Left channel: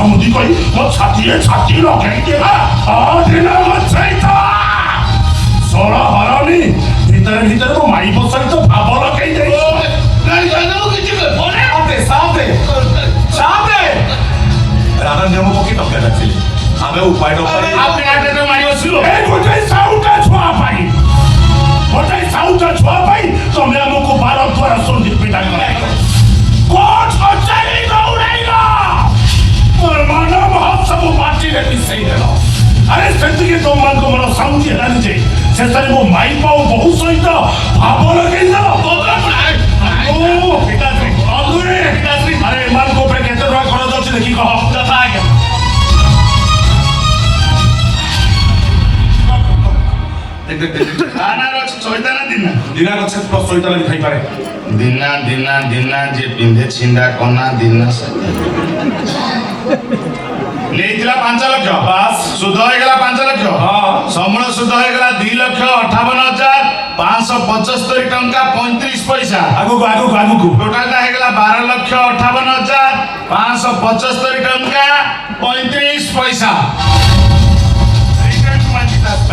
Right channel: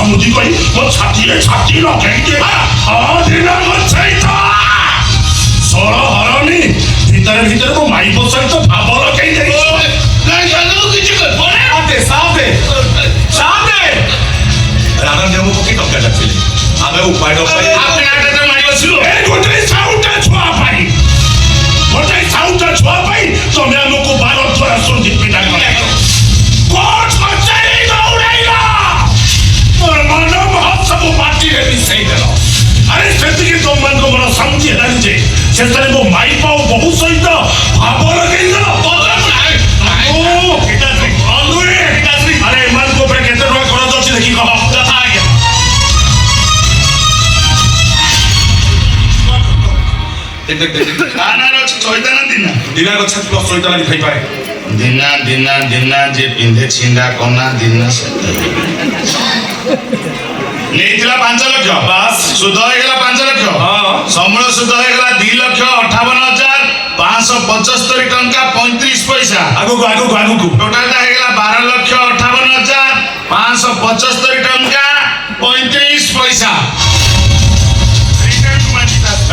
समुद्री कोई वो छाती लगे के दिना मचाइता सोला हरानी भीतर वो माई बसर तो भाव लगे जाई नहीं जानो किछ बोले आते साथे राणा नेमो पकी टक्का जाथिले आमे उपाय आपने आटे तो मारी बसिलो ए गोटे साउटा छुआ पाई तमे हमको 12 द्वार सोधी पिटा गयो कोट कचरी दौड़ाइला मोर मन महोत्सव पार्टी रे मिसई देलो अरे सेति तो मन को मन समझी हलानी जे सेतरे वो माई पाओ बहु सहित भाव लगई देलो ओ पिटा से अरे मन को पे केते रहा कोन दछि देखि कह जता आज्ञा आना रच चोइताना दिना गछ प्लस चोइताना दिखाई पाए दिना जे पिंधे छिंडा कोना दिना लेइतला 5 लाख पास सुध होइगला 5 लाख हां समूल सुध होइगला 2,58,575 टंका 35 पैसा आगु टोटल ता होइगला 12,58,575 टंका 35 पैसा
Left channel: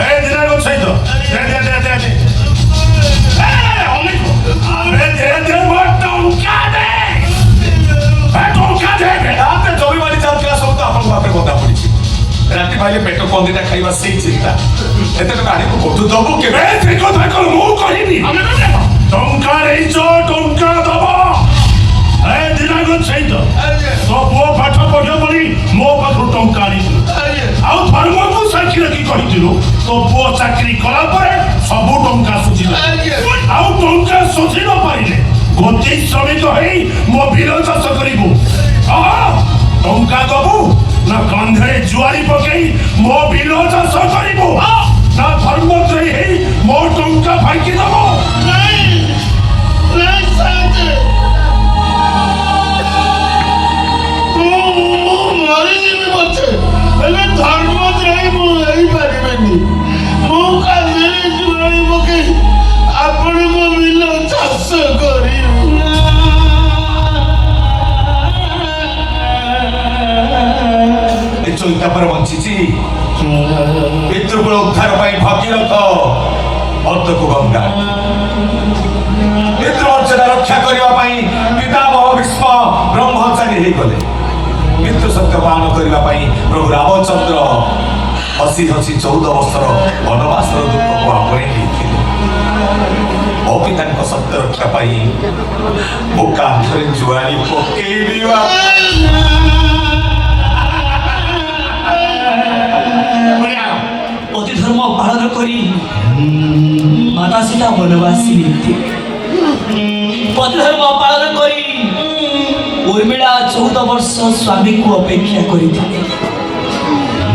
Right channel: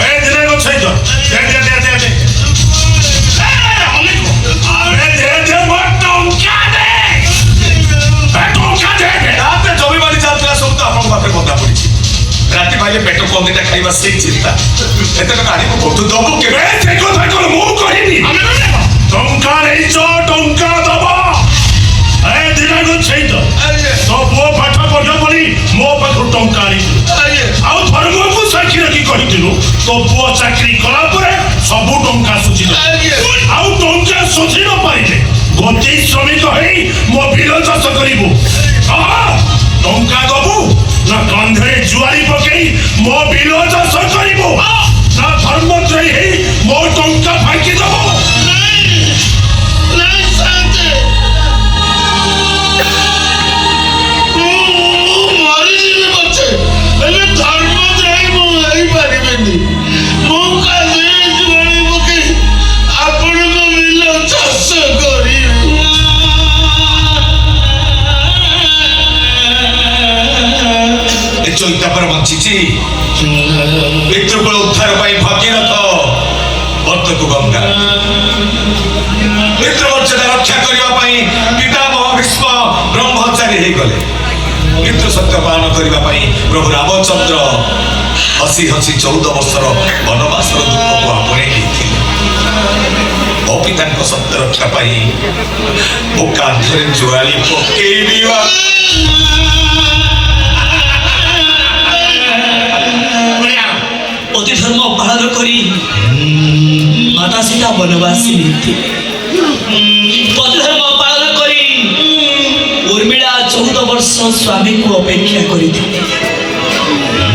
ए दिना गछ छै तो दे अरे दे मत टंका दे आपने जमीबारी जात्रा सब तो आपन बापरे बता पड़ी राती भाई पेट्रोल पंप दिटा खाइबा से चिंता एते का आनी को बतु दबो के रे देखो मु कहिनी टंका दबो ए दिना गो छै तो वो पाठ पढो बोली मो पाखु टंका आनी आ धर्म को साखी रखी कहितिनु तो बुआ चाकरी कला परे सब टंका सुझी आ टंका सुझी न पाइले गोटे श्रमिक हई मो बिल चाष करिबु टंका दबु ना कांधे जुआरी पकई मो बिल चाष करिबु ना धर्मत्रयी हई मो टंका फाकी दबु नहीं साथे मारी बच्चे एले धर्मत्रयी मु हई परिबेनी मु कांधे जुआरी पकई आपण को बिल चाष करी चौथा पर बंचिची पितृकुल उद्धार पाई भगीरथ अर्थ को गंगा पितृ मर्यादा रक्षा करने पाई पितामह भीष्म ब्रह्मचारी हो गले पितृ सत्य पालन करने पाई प्रभु रामचंद्र हसी 14 वर्षर वनवासर दुख को आपणे पिता सत्य रक्षा पाई मो कांधरे जुआली पकेबी अति धर्म पालन करी माता सीता वनवासी पति धर्म पालन करी उर्मिला 14 वर्ष स्वामी को अपेक्षा करी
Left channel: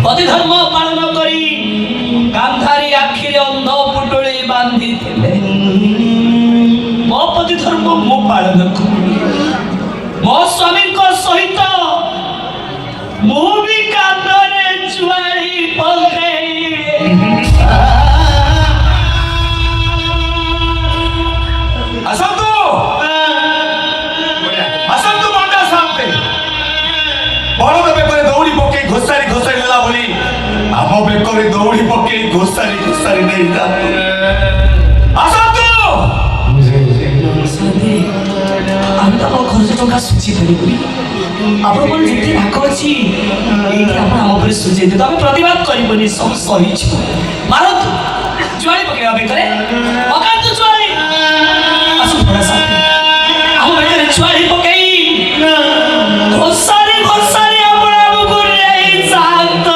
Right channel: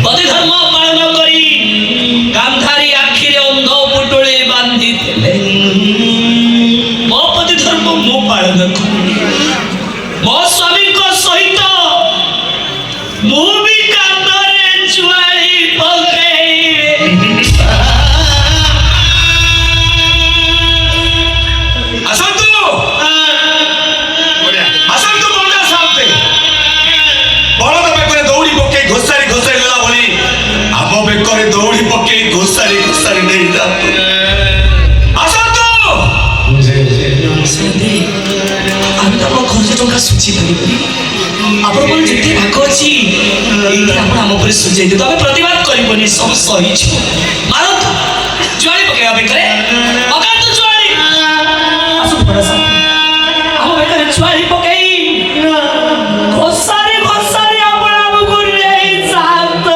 पति धर्म पालन करी गांधारी आखिरे अंध पुटुली बांधी मो पति धर्म मो पालन करी मो स्वामी को सहित मु भी कांधरे जुआरी पके दौड़ी पके घोसारी नहीं जाते আমি তো আমার খরচ টাকা সুঝি পারিবনি আপনার কোন যেতে রাখ আছে এইটা আপনি আমার উপরে সুঝাই দিও আমি প্রতিবাদ করিবনি সব সহিച്ചു মারত জুয়ারি পকেবা বেকরে অকান্ত জুয়ারি আসো পড়া সা আমি বেকরে জুয়ারি পকেই ঘোসারি আপন আব করিলে শান্ত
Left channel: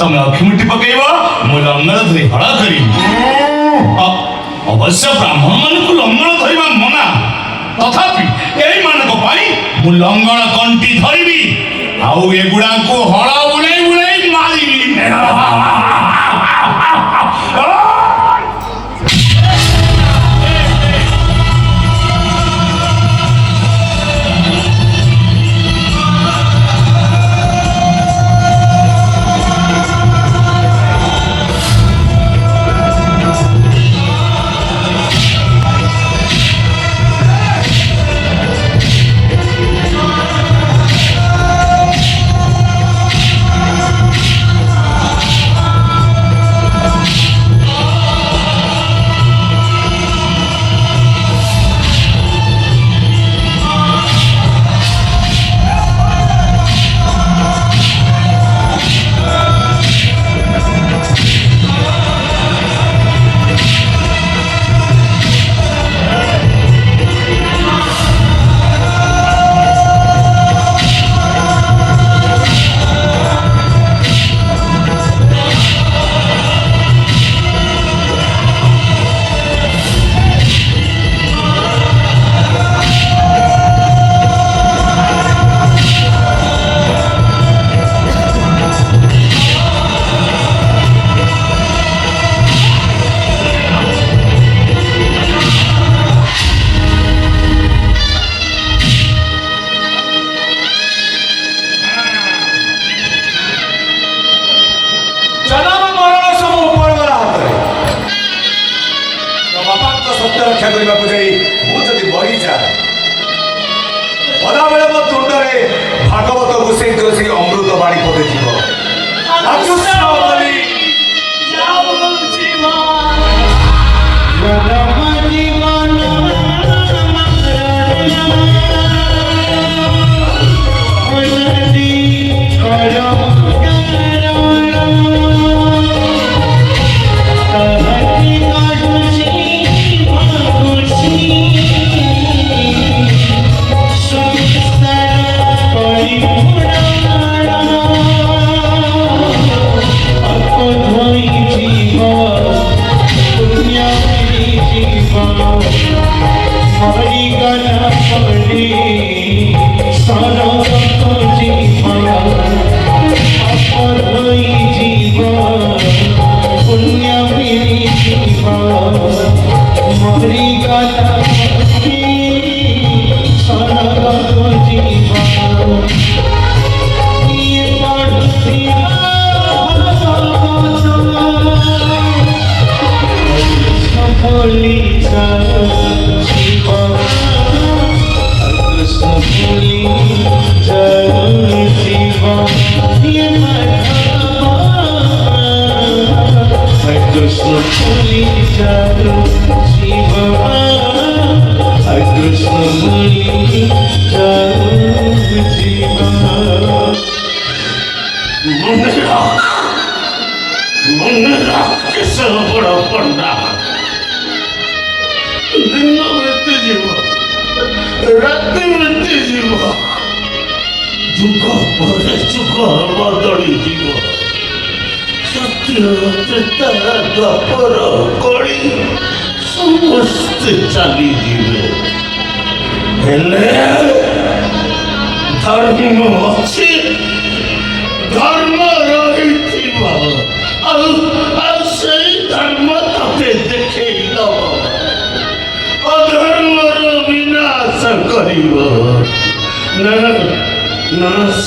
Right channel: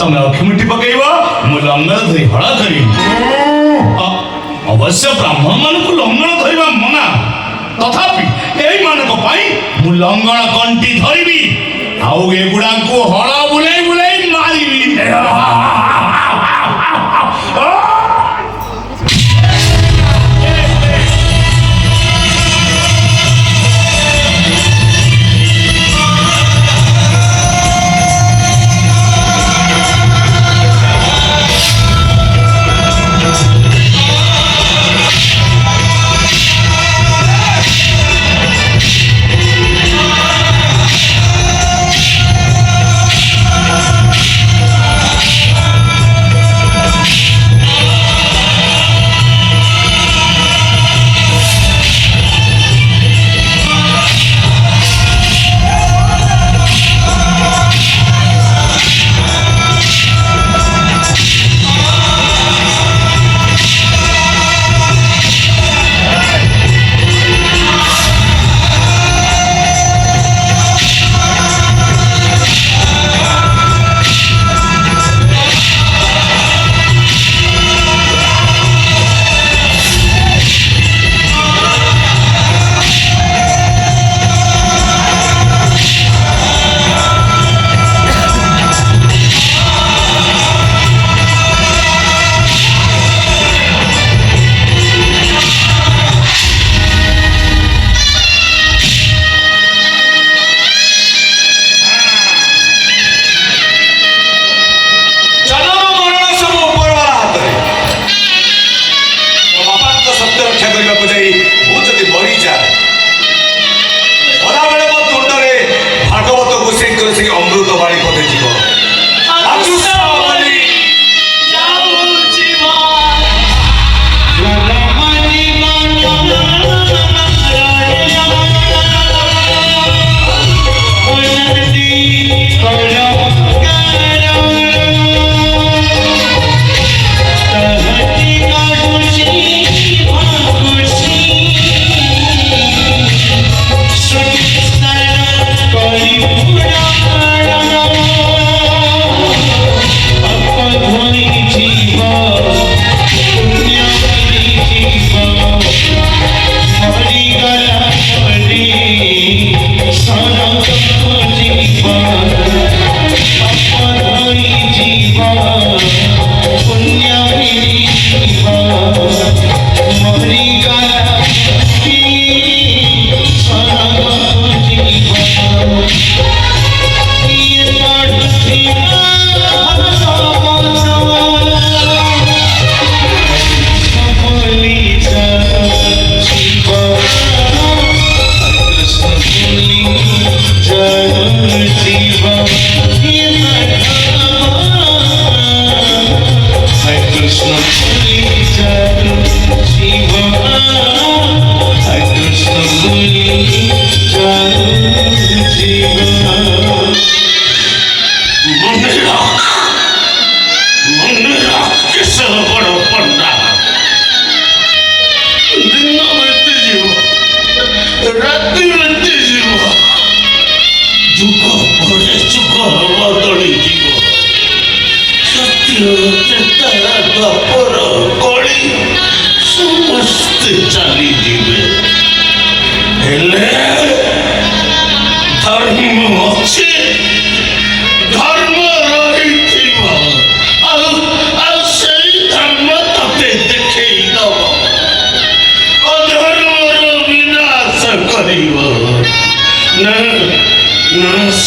तमे अखिमुठी पकईब मु लंगर धरी हड़ा करी अवश्य ब्राह्मण मान को लंगर धरवा मना ତଥାପି ଏଇମାନଙ୍କ ପାଇଁ ମୁଁ ଲଙ୍ଗଳ କଣ୍ଟି ଧରିବି ଆଉ ଏଗୁଡାଙ୍କୁ ହଳ ବୁଲେଇ ବୁଲେଇ ମାରିବି।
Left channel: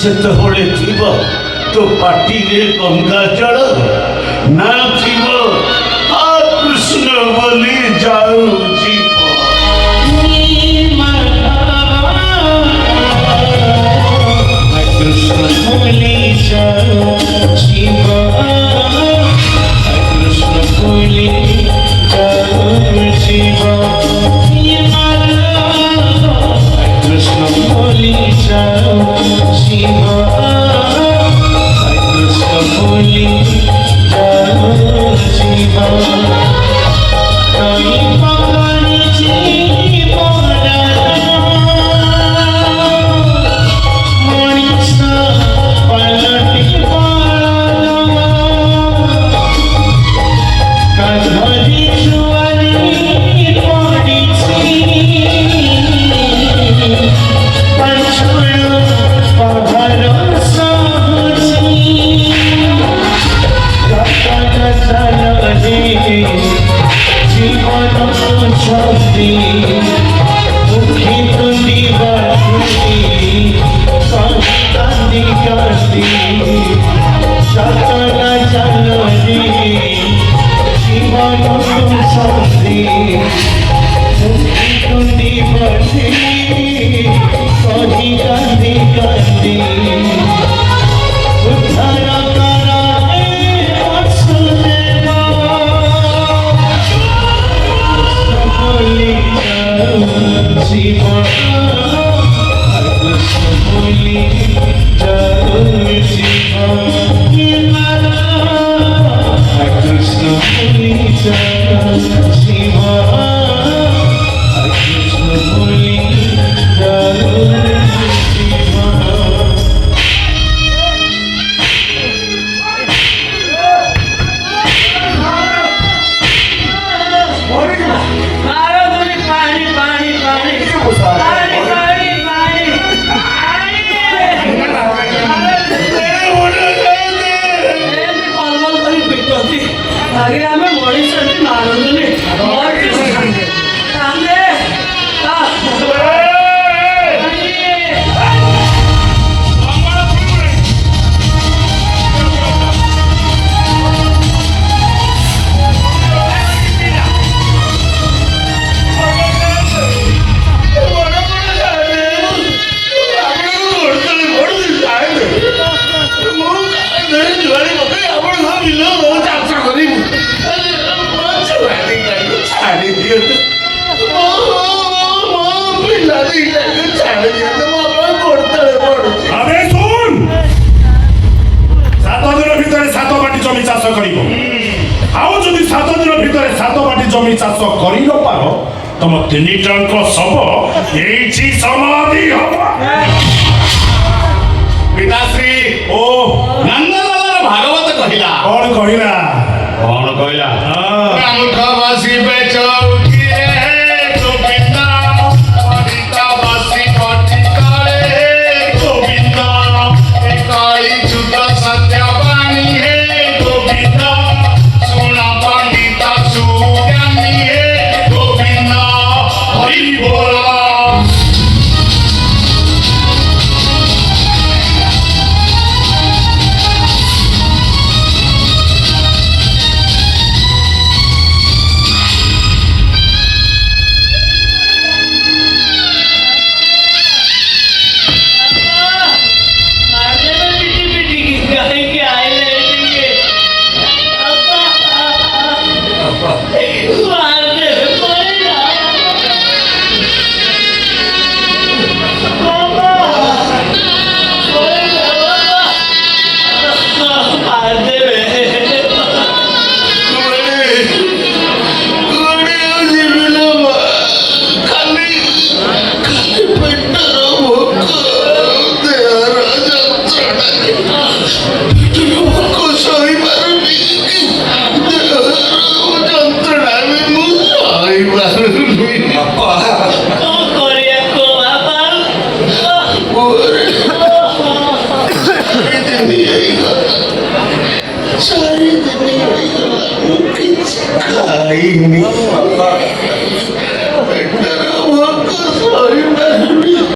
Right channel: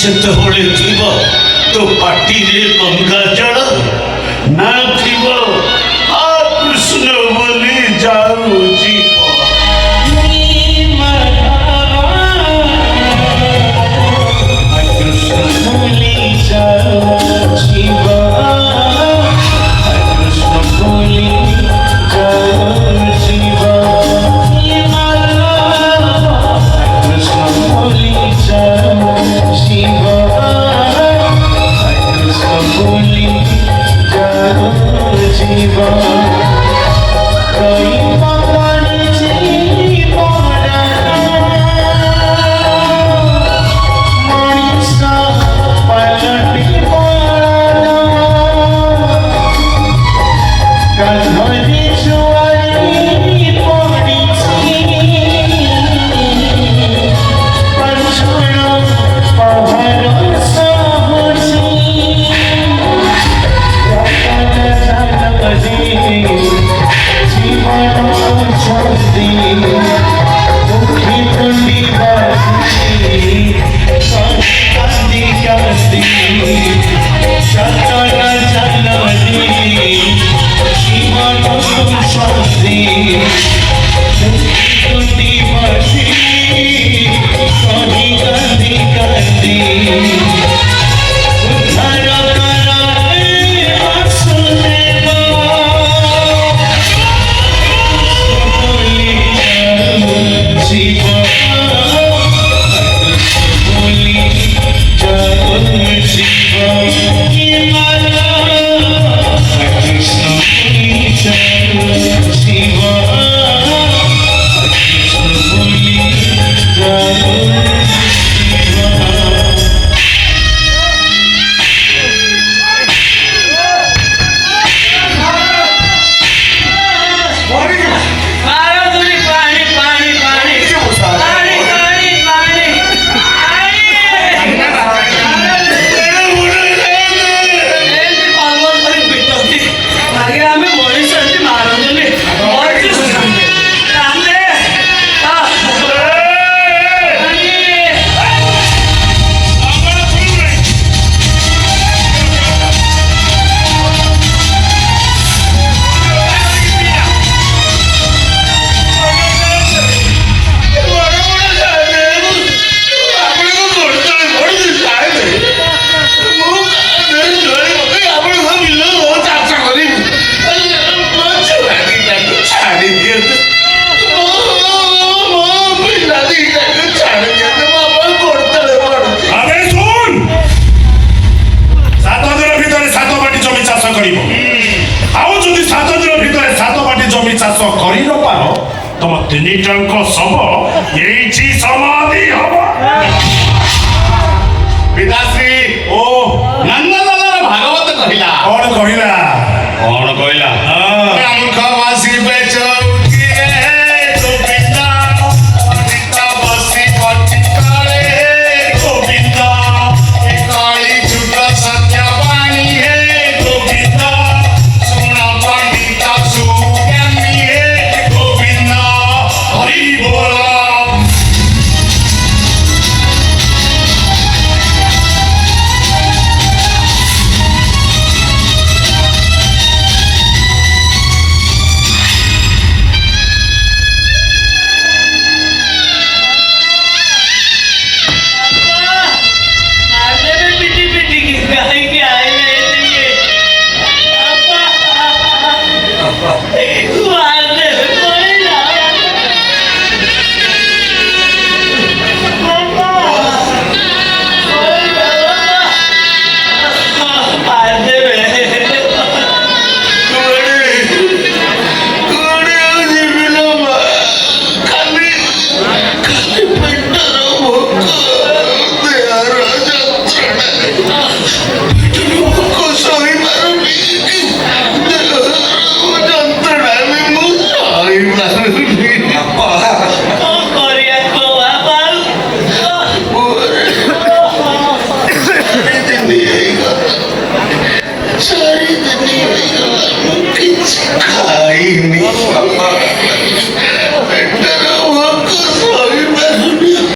ସେତେବେଳେ ଥିବ ତୋ ପାଟିରେ ଗଙ୍ଗା ଜଳ ନା ଥିବ କୃଷ୍ଣ ବୋଲି ଯାଉଛି। Shiva, ତିନିଟାଙ୍କ ଶବ ଏଇଠି ସମାଧି ହବ। ପିତାଶ୍ରୀ ଓ ନନ୍ଦନନ୍ଦନ ଭାଗବତ କହିଲା କଣ କହିଲା? କଣ କହିଲା?